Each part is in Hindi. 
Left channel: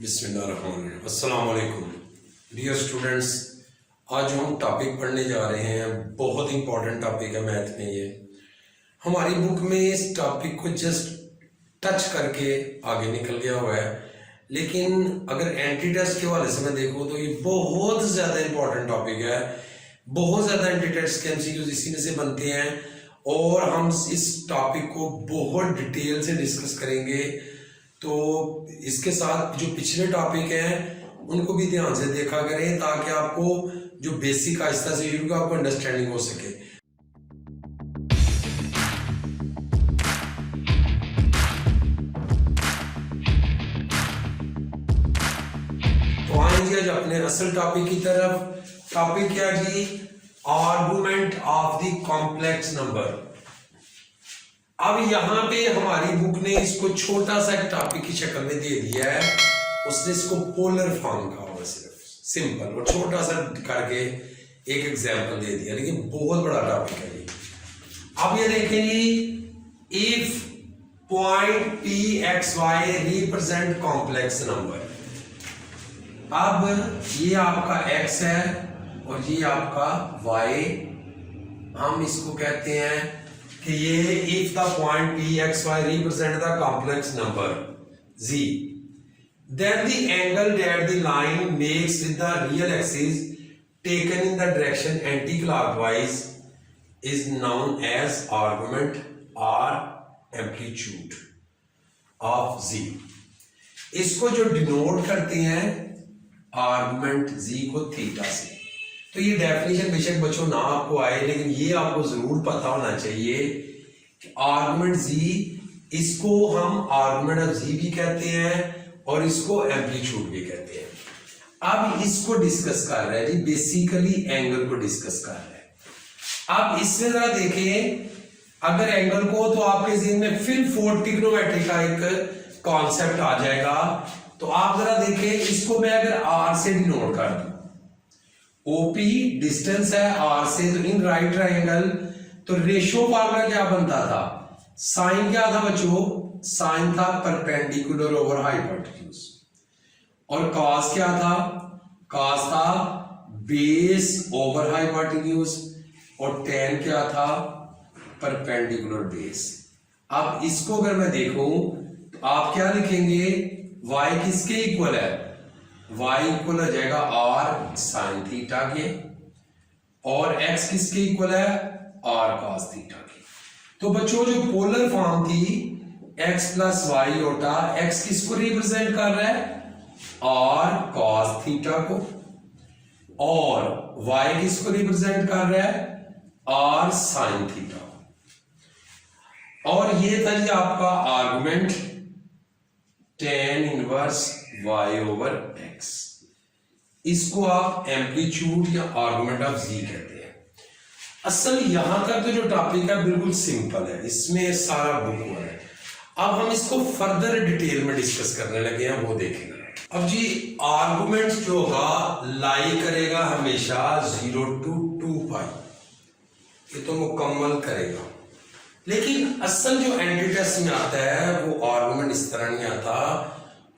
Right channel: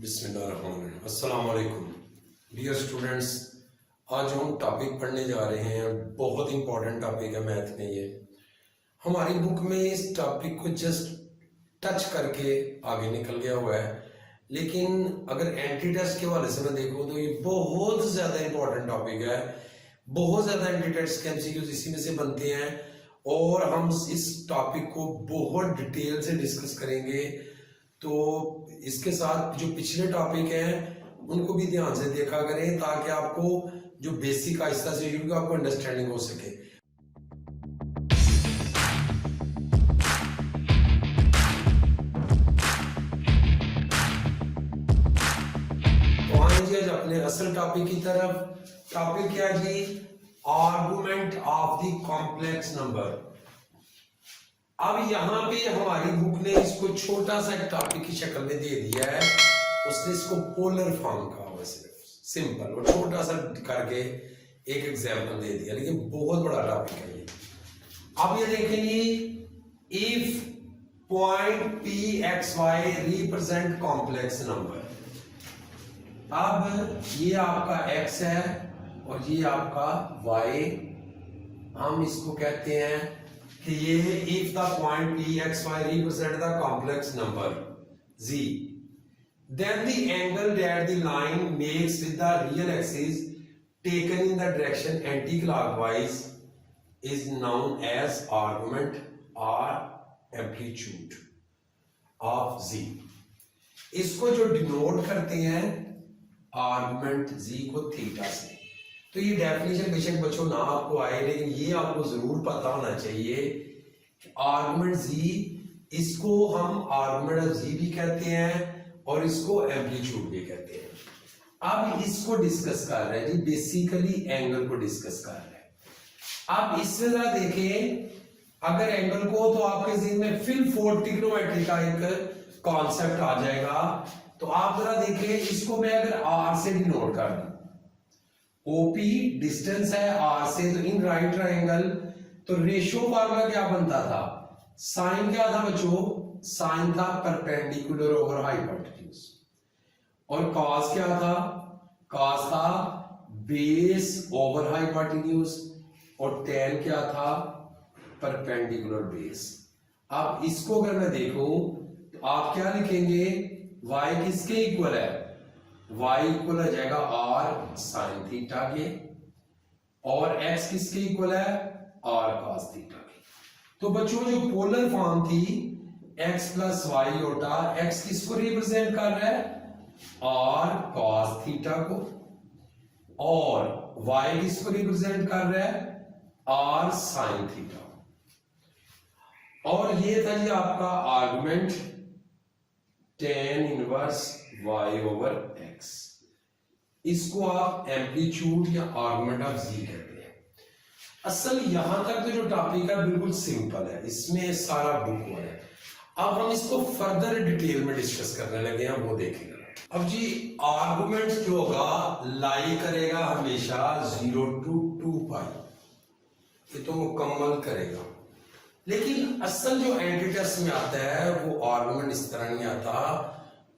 बिस्मिल्लाहिर्रहमानिर्रहीम। अस्सलाम वालेकुम डियर स्टूडेंट्स। आज जो हम टॉपिक पढ़ने जा रहे हैं बहुत इंपॉर्टेंट टॉपिक है मैथ में। ये हमारी बुक में इस टॉपिक को जस्ट टच करके आगे निकल गया हुआ है, लेकिन अगर एंटी टेस्ट के हवाले से मैं देखूँ तो ये बहुत ज़्यादा इंपॉर्टेंट टॉपिक है। बहुत ज़्यादा एंटी टेस्ट के एमसीक्यूज इसी में से बनते हैं और हम इस टॉपिक को बहुत डिटेल से डिस्कस करेंगे। तो इसके साथ जो पिछले टॉपिक हैं उनको भी ध्यान से देखा करें ताकि आपको जो बेसिक आहिस्ता से शुरू आपको अंडरस्टैंडिंग हो सके। तो आइए आज अपने असल टॉपिक की तरफ। टॉपिक क्या जी? Argument of the complex number. अब यहाँ पे हमारी बुक ने इसको छोटा सा टॉपिक की शक्ल में दे दिया है। उसने इसको पोलर फॉर्म कहा हुआ, सिर्फ सिंपल और छोटा सा करके एक एग्जांपल दे दिया, लेकिन बहुत बड़ा टॉपिक है ये। अब ये देखेंगे, if point P X Y represent complex number. अब ये आपका x है और ये आपका y। हम इसको कहते हैं कि ये if the point p x y represent the complex number z, then the angle that the line makes with the real axis taken in the direction anti-clockwise is known as argument or amplitude of z। इसको जो डिनोट करते हैं आर्गुमेंट z को थीटा से। तो ये डेफिनेशन बेशक बच्चों ना आपको आए, लेकिन ये आपको जरूर पता होना चाहिए कि आर्गुमेंट z, इसको हम आर्गुमेंट ऑफ z भी कहते हैं और इसको एम्पलीट्यूड भी कहते हैं। अब इसको डिस्कस कर रहे हैं जी, बेसिकली एंगल को डिस्कस कर रहे हैं। अब इसमें जरा देखें, अगर एंगल को तो आपके ज़हन में फिर फोर ट्रिग्नोमेट्री का एक कॉन्सेप्ट आ जाएगा। तो आप जरा देखें, इसको मैं अगर r से डिनोट कर दूं, OP डिस्टेंस है r से, तो इन राइट ट्रायंगल तो रेशियो फार्मूला क्या बनता था? साइन क्या था बच्चों? साइन था परपेंडिकुलर ओवर हाइपोटेन्यूज। और कॉस क्या था? कॉस था बेस ओवर हाइपोटेन्यूज। और टेन क्या था? Perpendicular base. अब इसको अगर मैं देखूं तो आप क्या लिखेंगे? y किसके इक्वल है? y इक्वल हो जाएगा r साइन थीटा के, और x किसके इक्वल है? r cos थीटा के। तो बच्चों जो पोलर फॉर्म थी x प्लस वाई होता, x किसको रिप्रेजेंट कर रहा है? r cos थीटा को, और y किसको रिप्रेजेंट कर रहा है? r sine theta. और ये था जी आपका argument tan inverse y over x। इसको आप एम्पलीट्यूड या आर्गुमेंट ऑफ z कहते हैं। असल यहां का तो जो टॉपिक है बिल्कुल सिंपल है, इसमें सारा बुक हुआ है। अब हम इसको फर्दर डिटेल में डिस्कस करने लगे हैं, वो देखेंगे। अब जी आर्गुमेंट जो होगा लाई करेगा हमेशा 0 to 2 पाई, ये तो मुकम्मल करेगा। लेकिन असल जो एंटी टेस्ट में आता है वो आर्गुमेंट इस तरह नहीं आता,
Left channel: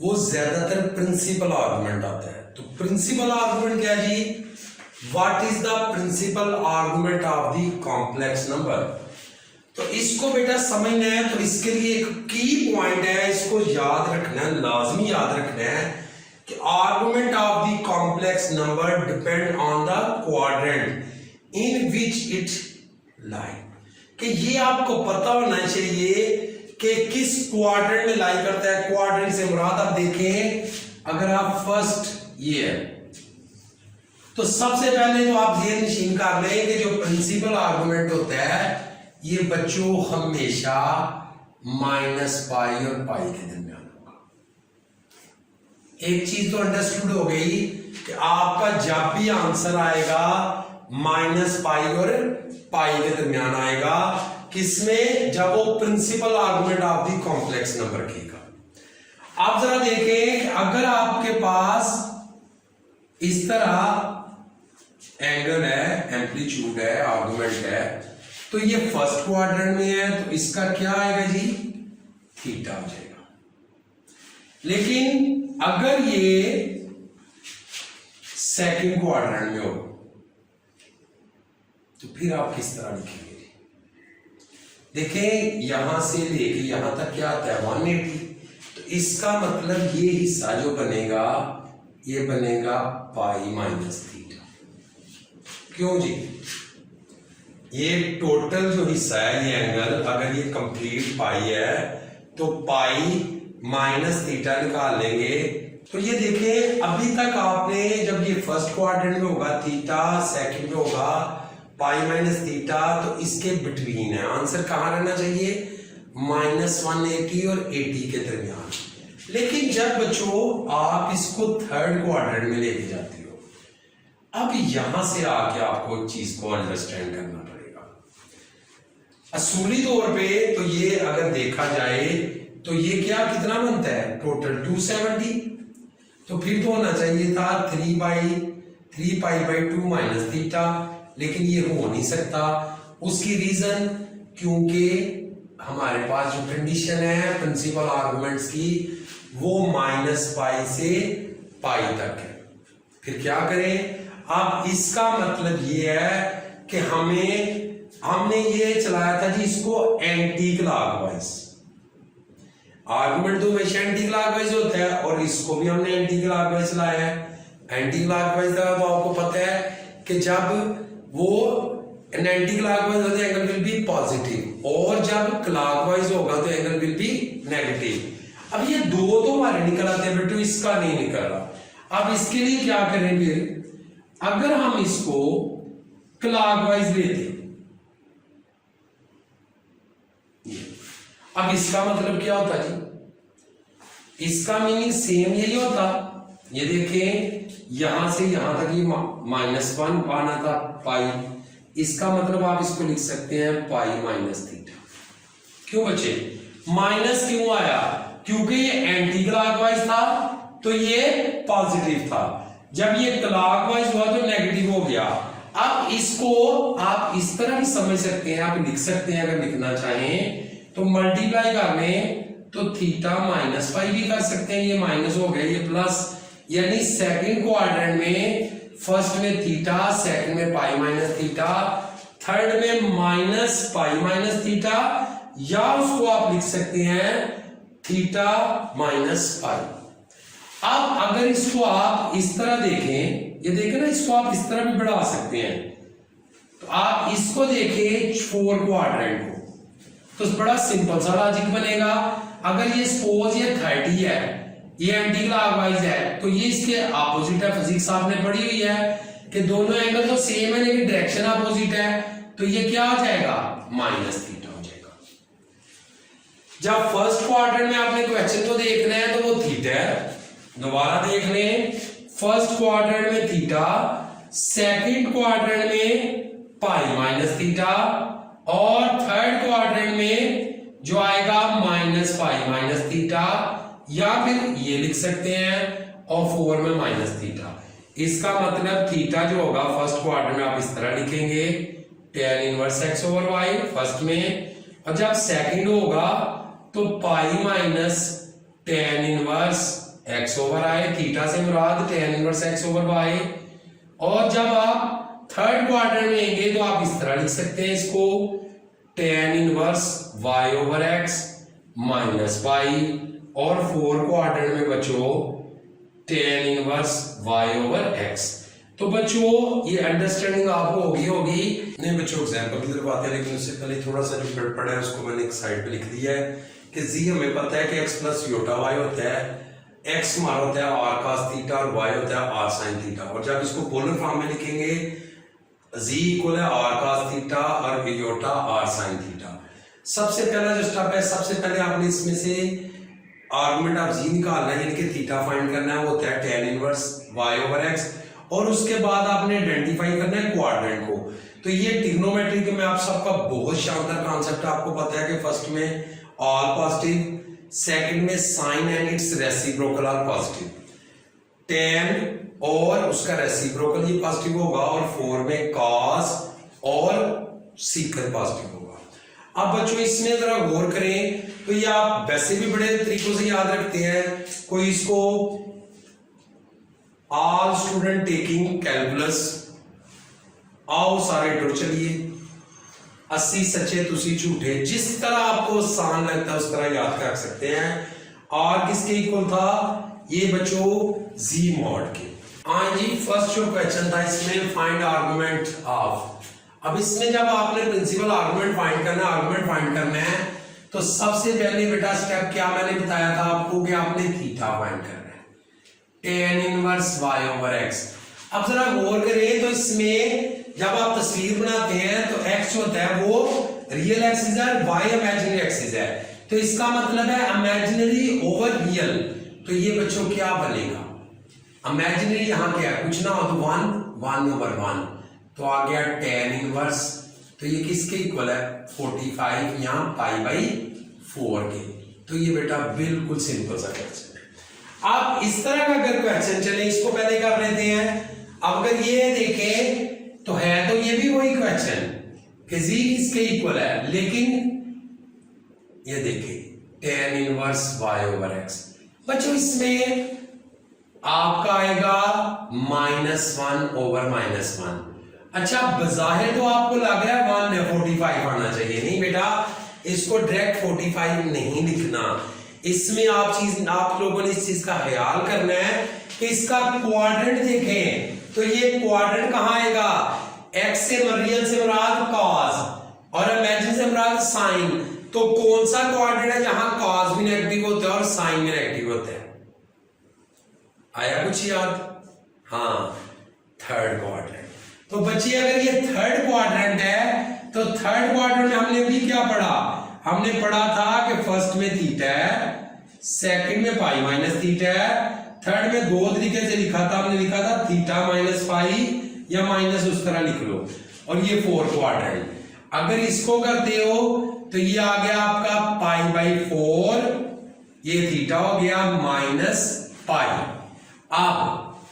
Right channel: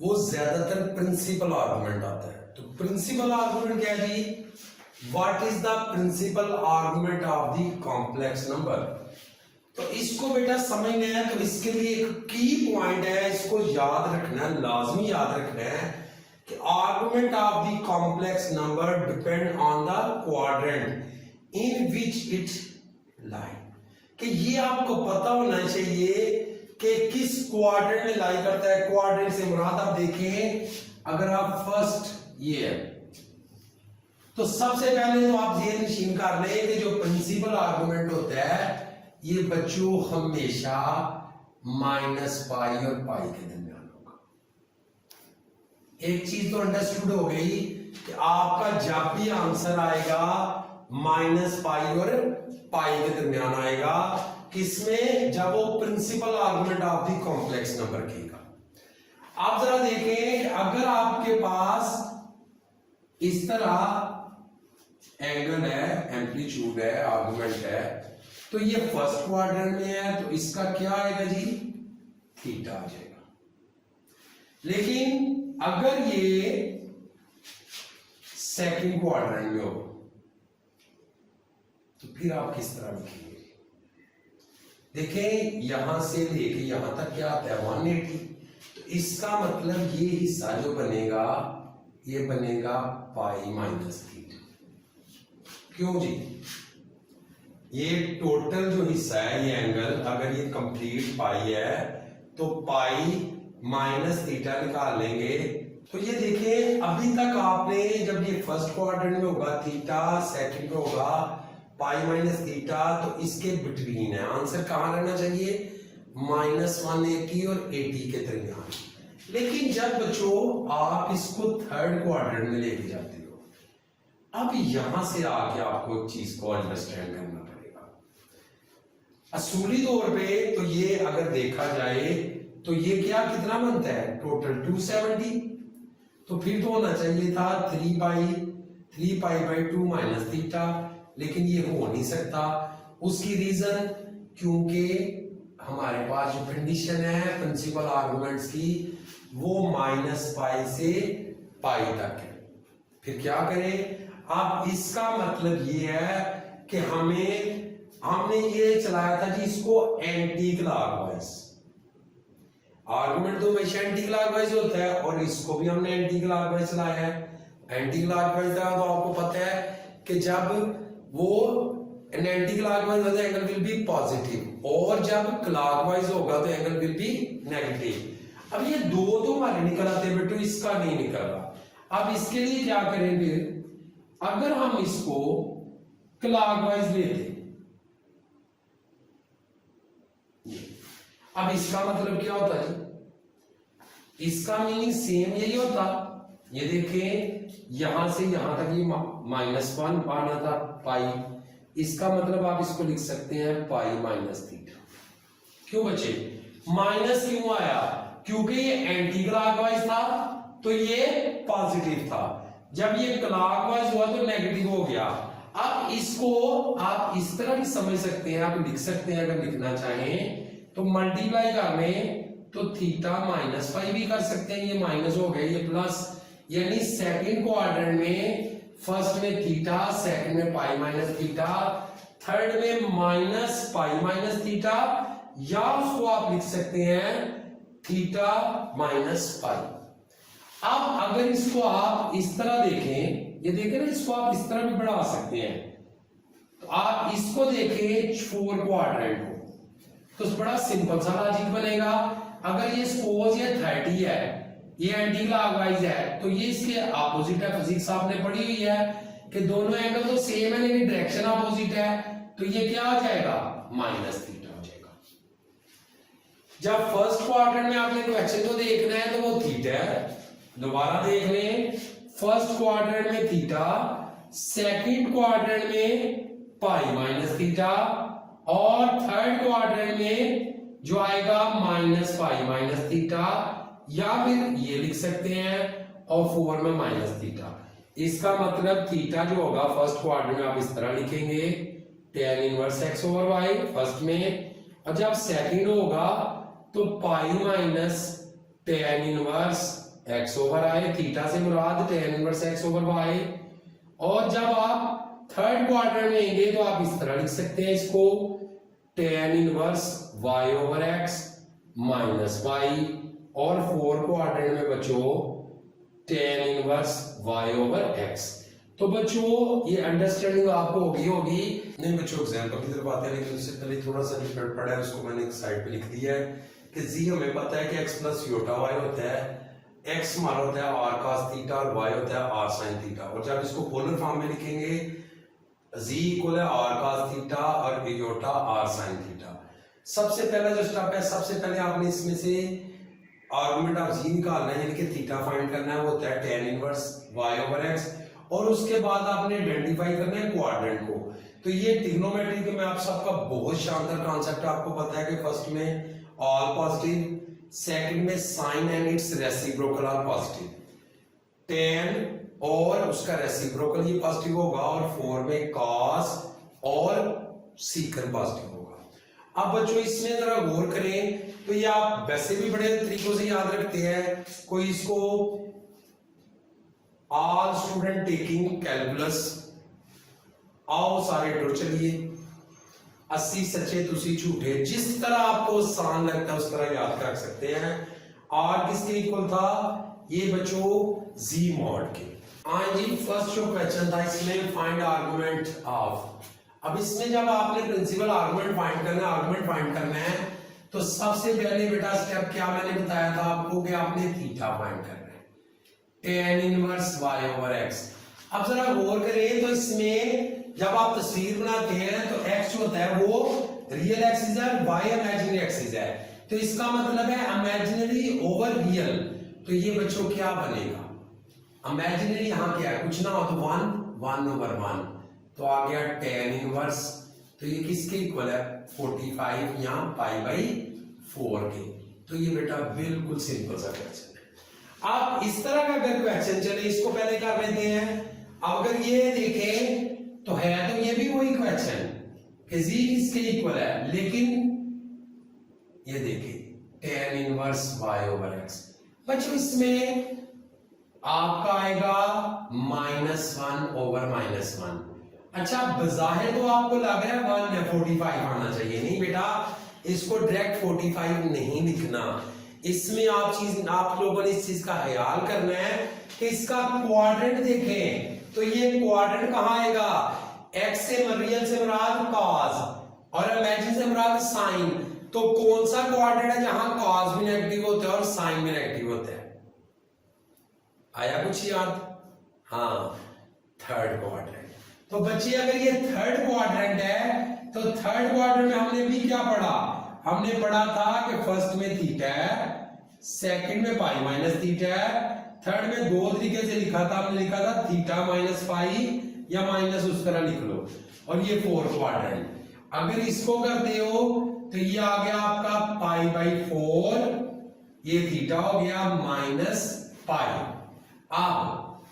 वो ज्यादातर प्रिंसिपल आर्गुमेंट आता है। तो प्रिंसिपल आर्गुमेंट क्या है जी? What is the principal argument of the complex number? तो इसको बेटा समझना है, तो इसके लिए एक की पॉइंट है, इसको याद रखना है, लाजमी याद रखना है कि argument of the complex number depend on the quadrant in which it लाई। कि ये आपको पता होना चाहिए कि किस क्वाड्रेंट में लाई करता है। क्वाड्रेंट से मुराद आप देखें, अगर आप फर्स्ट ये है तो सबसे पहले जो आप जेल नशीन कर लें कि जो प्रिंसिपल आर्गुमेंट होता है ये बच्चों हमेशा माइनस पाई और पाई के दरमियान होगा। एक चीज तो अंडरस्टूड हो गई कि आपका जब भी आंसर आएगा माइनस पाई और पाई के दरमियान आएगा, किसमें? जब वो principal argument of the complex number कीगा। आप जरा देखें, अगर आपके पास इस तरह एंगल है, एम्पलीट्यूड है, आर्गुमेंट है, तो ये फर्स्ट क्वाड्रेंट में है, तो इसका क्या आएगा जी? थीटा आ जाएगा। लेकिन अगर ये सेकंड क्वाड्रेंट में हो तो फिर आप किस तरह लिखेंगे? देखें यहां से लेके यहां तक क्या आता है 180, तो इसका मतलब ये हिस्सा जो बनेगा ये बनेगा पाई माइनस थीटा। क्यों जी? ये टोटल जो हिस्सा है ये एंगल अगर ये कंप्लीट पाई है तो पाई माइनस थीटा निकाल लेंगे। तो ये देखिए अभी तक आपने जब ये फर्स्ट क्वाड्रेंट में होगा थीटा, सेकंड में होगा पाई माइनस थीटा, तो इसके बिटवीन है। आंसर कहाँ रहना चाहिए? -180 और 80 के दरमियान। लेकिन जब बच्चों आप इसको थर्ड क्वाड्रेंट में लेके जाते हो, अब यहां से आके आपको चीज को अंडरस्टैंड करना पड़ेगा। असूली तौर पे तो ये अगर देखा जाए तो ये क्या कितना बनता है टोटल 270, तो फिर तो होना चाहिए था 3 माइनस थीटा, लेकिन ये हो नहीं सकता। उसकी रीजन क्योंकि हमारे पास जो कंडीशन है प्रिंसिपल आर्गुमेंट्स की वो -पाई से पाई तक है। फिर क्या करें? अब इसका मतलब ये है कि हमने ये चलाया था जी इसको एंटी क्लॉकवाइज। आर्गुमेंट तो हमेशा एंटी क्लॉकवाइज होता है और इसको भी हमने एंटी क्लॉकवाइज चलाया है। एंटी क्लॉकवाइज का तो आपको पता है कि जब वो एंटी क्लॉकवाइज होता है एंगल विल बी पॉजिटिव और जब क्लॉकवाइज होगा तो एंगल विल बी नेगेटिव। अब ये दो तो हमारे निकल आते हैं बेटे, इसका नहीं निकल रहा। अब इसके लिए क्या करें? फिर अगर हम इसको क्लॉकवाइज लेते, अब इसका मतलब क्या होता जी? इसका मीनिंग सेम यही होता। ये देखें यहां से यहां तक ये -1 पाना था पाई, इसका मतलब आप इसको लिख सकते हैं पाई माइनस थीटा। क्यों बच्चे माइनस क्यों आया? क्योंकि ये एंटी क्लॉकवाइज था तो ये पॉजिटिव था, जब ये क्लॉकवाइज हुआ तो नेगेटिव हो गया। अब इसको आप इस तरह भी समझ सकते हैं, आप लिख सकते हैं अगर लिखना चाहें तो मल्टीप्लाई कर लें तो थीटा -पाई भी कर सकते हैं, ये माइनस हो गया ये प्लस, यानी सेकंड क्वाड्रेंट में फर्स्ट में थीटा, सेकंड में पाई माइनस थीटा, थर्ड में -पाई माइनस थीटा, या उसको आप लिख सकते हैं थीटा -पाई। अब अगर इसको आप इस तरह देखें, ये देखें ना, इसको आप इस तरह भी बढ़ा सकते हैं, तो आप इसको देखें 4 क्वाड्रेंट को, तो बड़ा सिंपल सा लॉजिक बनेगा। अगर ये सपोज ये 30 है, ये एंटी क्लॉकवाइज है, तो ये इसके ऑपोजिट है। फिजिक्स आपने पढ़ी हुई है कि दोनों एंगल तो सेम है लेकिन डायरेक्शन ऑपोजिट है, तो ये क्या हो जाएगा माइनस थीटा हो जाएगा। जब फर्स्ट क्वाड्रेंट में आपने क्वेश्चन तो देखना है तो वो थीटा है, दोबारा देख लें, फर्स्ट क्वाड्रेंट में थीटा, सेकंड क्वाड्रेंट में पाई माइनस थीटा, और थर्ड क्वाड्रेंट में जो आएगा -पाई माइनस थीटा, या फिर ये लिख सकते हैं और 4 में माइनस थीटा। इसका मतलब थीटा जो होगा फर्स्ट क्वाड्रेंट में आप इस तरह लिखेंगे tan इनवर्स x/y फर्स्ट में, और जब सेकंड होगा तो pi minus tan inverse x/i, theta से मुराद tan इनवर्स x/y, और जब आप थर्ड क्वाड्रेंट में लेंगे तो आप इस तरह लिख सकते हैं इसको tan inverse y/x minus pi, और 4 क्वाड्रेंट में बच्चों tan इनवर्स y/x। तो बच्चों ये अंडरस्टैंडिंग आपको होगी। नहीं बच्चों एग्जांपल की तरफ आते हैं, लेकिन उससे पहले थोड़ा सा जो पढ़ा है उसको मैंने एक साइड पे लिख दिया है कि z हमें पता है कि x प्लस योटा y होता है, x हमारा होता है r cos थीटा और y होता है r sin थीटा, और जब इसको पोलर फॉर्म में लिखेंगे z इक्वल है r cos थीटा और योटा r sin थीटा। सबसे पहला जो स्टेप है, सबसे पहले आपने इसमें से आर्गुमेंट ऑफ z निकालना है, यानी कि थीटा फाइंड करना है, वो होता है tan इनवर्स y/x, और उसके बाद आपने आइडेंटिफाई करना है क्वाड्रेंट को। तो ये ट्रिग्नोमेट्री में आप सबका बहुत शानदार कॉन्सेप्ट है, आपको पता है कि फर्स्ट में ऑल पॉजिटिव, सेकंड में sine and its reciprocal are positive, tan और उसका रेसिप्रोकल ये पॉजिटिव होगा, और 4 में cos और सीकर पॉजिटिव होगा। अब बच्चों इसमें जरा गौर करें, तो ये आप वैसे भी बड़े तरीकों से याद रखते हैं, कोई इसको ऑल स्टूडेंट टेकिंग कैलकुलस, आओ सारे टुर चलिए। 80 सच्चे तुसी झूठे, जिस तरह आपको आसान लगता है उस तरह याद कर सकते हैं। और किसके इक्वल था ये बच्चों, जी मॉड के। हाँ जी, फर्स्ट जो क्वेश्चन था इसमें फाइंड आर्गुमेंट ऑफ। अब इसमें जब आपने प्रिंसिपल आर्गुमेंट फाइंड करना है तो सबसे पहले बेटा स्टेप क्या मैंने बताया था आपको कि आपने थीटा फाइंड करना है, tan inverse y over x। अब जरा गौर करिए तो इसमें जब आप तस्वीर बनाते हैं तो x जो होता है वो रियल एक्सिस है, y इमेजिनरी एक्सिस है। तो इसका मतलब है इमेजिनरी ओवर रियल। तो ये बच्चों क्या बनेगा, इमेजिनरी यहाँ क्या है, कुछ ना हो तो 1 ओवर 1, तो आ गया tan इनवर्स। तो ये किसके इक्वल है, 45 यहाँ पाई बाई 4 के। तो ये बेटा बिल्कुल सिंपल सा क्वेश्चन है। अब इस तरह का अगर क्वेश्चन चले, इसको पहले कर लेते हैं। अब अगर ये देखें तो है तो ये भी वही क्वेश्चन कि जी किसके इक्वल है, लेकिन ये देखें tan inverse y over x। बच्चों इसमें आपका आएगा -1 ओवर -1। अच्छा बजाहिर तो आपको लग रहा है 1 है, 45 आना चाहिए। नहीं बेटा, इसको डायरेक्ट 45 नहीं लिखना। इसमें आप लोगों ने इस चीज का ख्याल करना है कि इसका क्वाड्रेंट देखें तो ये क्वाड्रेंट कहां आएगा, x से रियल से मुराद cos और इमेजिन से मुराद साइन। तो कौन सा क्वाड्रेंट है जहां cos भी नेगेटिव होते हैं और साइन भी नेगेटिव होते हैं, आया कुछ याद? हाँ, थर्ड क्वाड्रेंट। तो बच्चे अगर ये थर्ड क्वाड्रेंट है तो थर्ड क्वाड्रेंट में हमने भी क्या पढ़ा, हमने पढ़ा था कि फर्स्ट में थीटा है, सेकंड में पाई माइनस थीटा है, थर्ड में दो तरीके से लिखा था, हमने लिखा था थीटा माइनस पाई या माइनस उस तरह लिख लो। और ये फोर्थ क्वाड्रेंट अगर इसको करते हो तो ये आ गया आपका पाई बाई 4, ये थीटा हो गया माइनस पाई। अब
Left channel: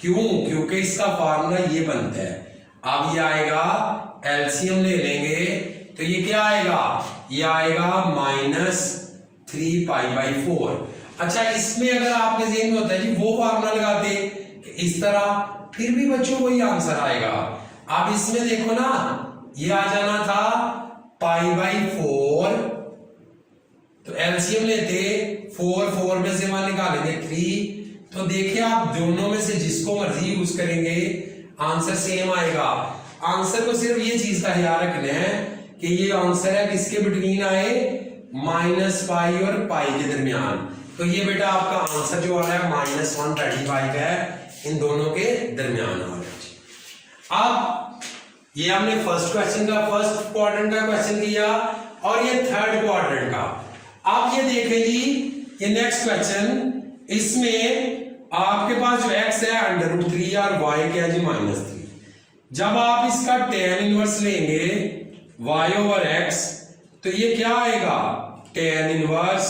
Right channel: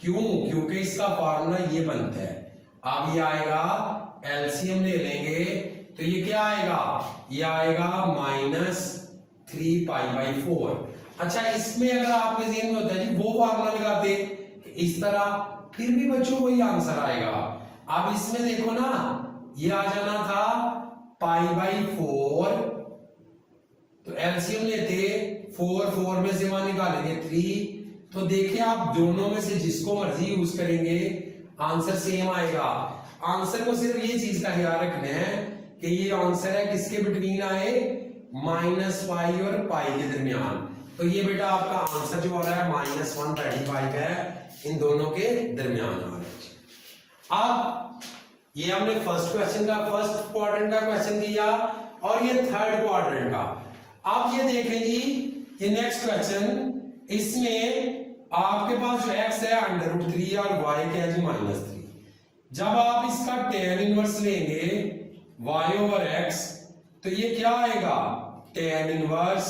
क्योंकि इसका फार्मूला ये बनता है। अब ये आएगा, एलसीएम ले लेंगे तो ये क्या आएगा, ये आएगा -3 पाई बाई 4। अच्छा इसमें अगर आपके ज़हन में होता है जी वो फार्मूला लगाते इस तरह, फिर भी बच्चों वही आंसर आएगा। अब इसमें देखो ना, ये आ जाना था पाई बाई 4, तो एलसीएम लेते 4 में से 1 निकालेंगे 3। तो देखिए आप दोनों में से जिसको मर्जी यूज करेंगे आंसर सेम आएगा। आंसर को सिर्फ ये चीज का ख्याल रखना है कि ये आंसर है किसके बिटवीन आए, -पाई और पाई के दरमियान। तो ये बेटा आपका आंसर जो आ रहा है -135 है, इन दोनों के दरमियान आ रहा है। अब ये हमने फर्स्ट क्वाड्रेंट का क्वेश्चन किया और ये थर्ड क्वाड्रेंट का। आप ये देखें जी, ये नेक्स्ट क्वेश्चन, इसमें आपके पास जो x है √3 और y क्या है जी -3। जब आप इसका tan इनवर्स लेंगे y ओवर x तो ये क्या आएगा, tan इनवर्स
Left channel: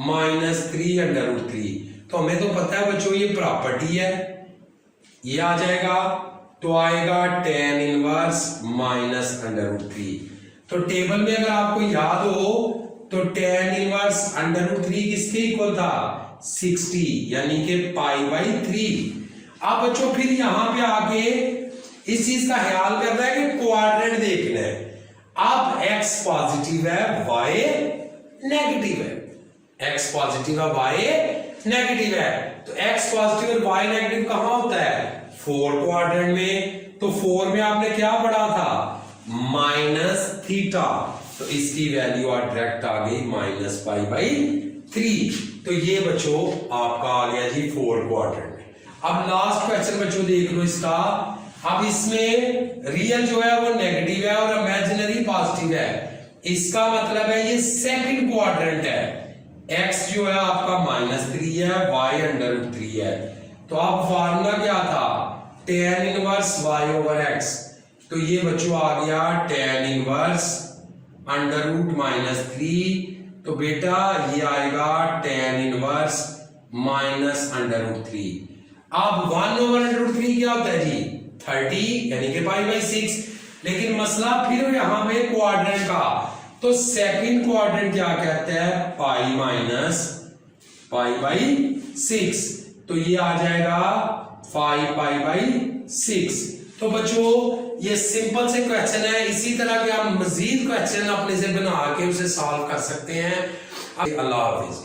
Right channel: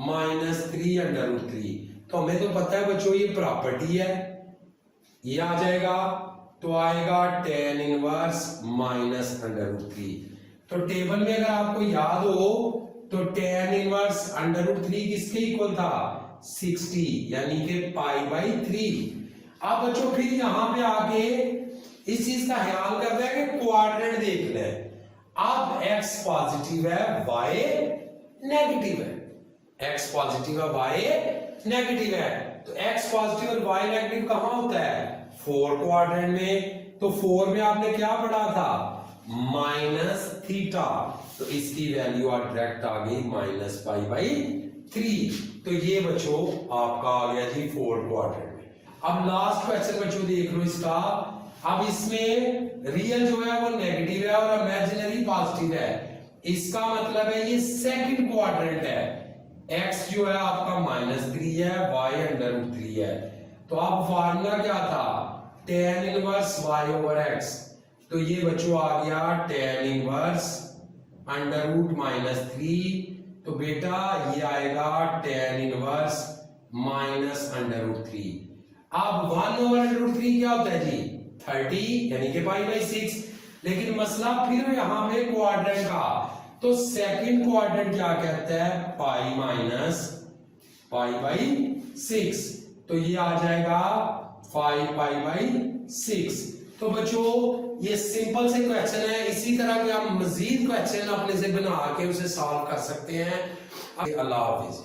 -3 √3। तो हमें तो पता है बच्चों ये प्रॉपर्टी है, ये आ जाएगा तो आएगा tan इनवर्स -√3। तो टेबल में अगर आपको याद हो तो tan इनवर्स √3 किसके इक्वल था, 60, यानी कि पाई बाई 3। अब बच्चों फिर यहां पे आके इस चीज का ख्याल करना है कि क्वाड्रेंट देखना है। अब x पॉजिटिव है y नेगेटिव है, x पॉजिटिव है y नेगेटिव है। तो x पॉजिटिव और y नेगेटिव कहां होता है, 4 क्वाड्रेंट में। तो 4 में आपने क्या पढ़ा था, -थीटा। तो इसकी वैल्यू डायरेक्ट आ गई -पाई बाई 3। तो ये बच्चों आपका आ गया जी 4 क्वाड्रेंट में। अब लास्ट क्वेश्चन बच्चों देख लो इसका। अब इसमें रियल जो है वो नेगेटिव है और इमेजिनरी पॉजिटिव है। इसका मतलब है ये सेकंड क्वाड्रेंट है। x जो है आपका -3 है, y √3 है। तो अब फार्मूला क्या था, tan inverse y over x। तो ये बच्चों आ गया tan इनवर्स √-3। तो बेटा ये आएगा tan इनवर्स -√3। अब 1 ओवर √3 क्या होता है जी, 30, यानी कि पाई बाई 6। लेकिन मसला फिर यहां पे क्वाड्रेंट का, तो सेकंड क्वाड्रेंट क्या कहता है, पाई बाई 6। तो ये आ जाएगा 5π/6। तो बच्चों ये सिंपल से क्वेश्चन है, इसी तरह के आप मजीद क्वेश्चन अपने से बना के उसे सॉल्व कर सकते हैं। अल्लाह हाफिज।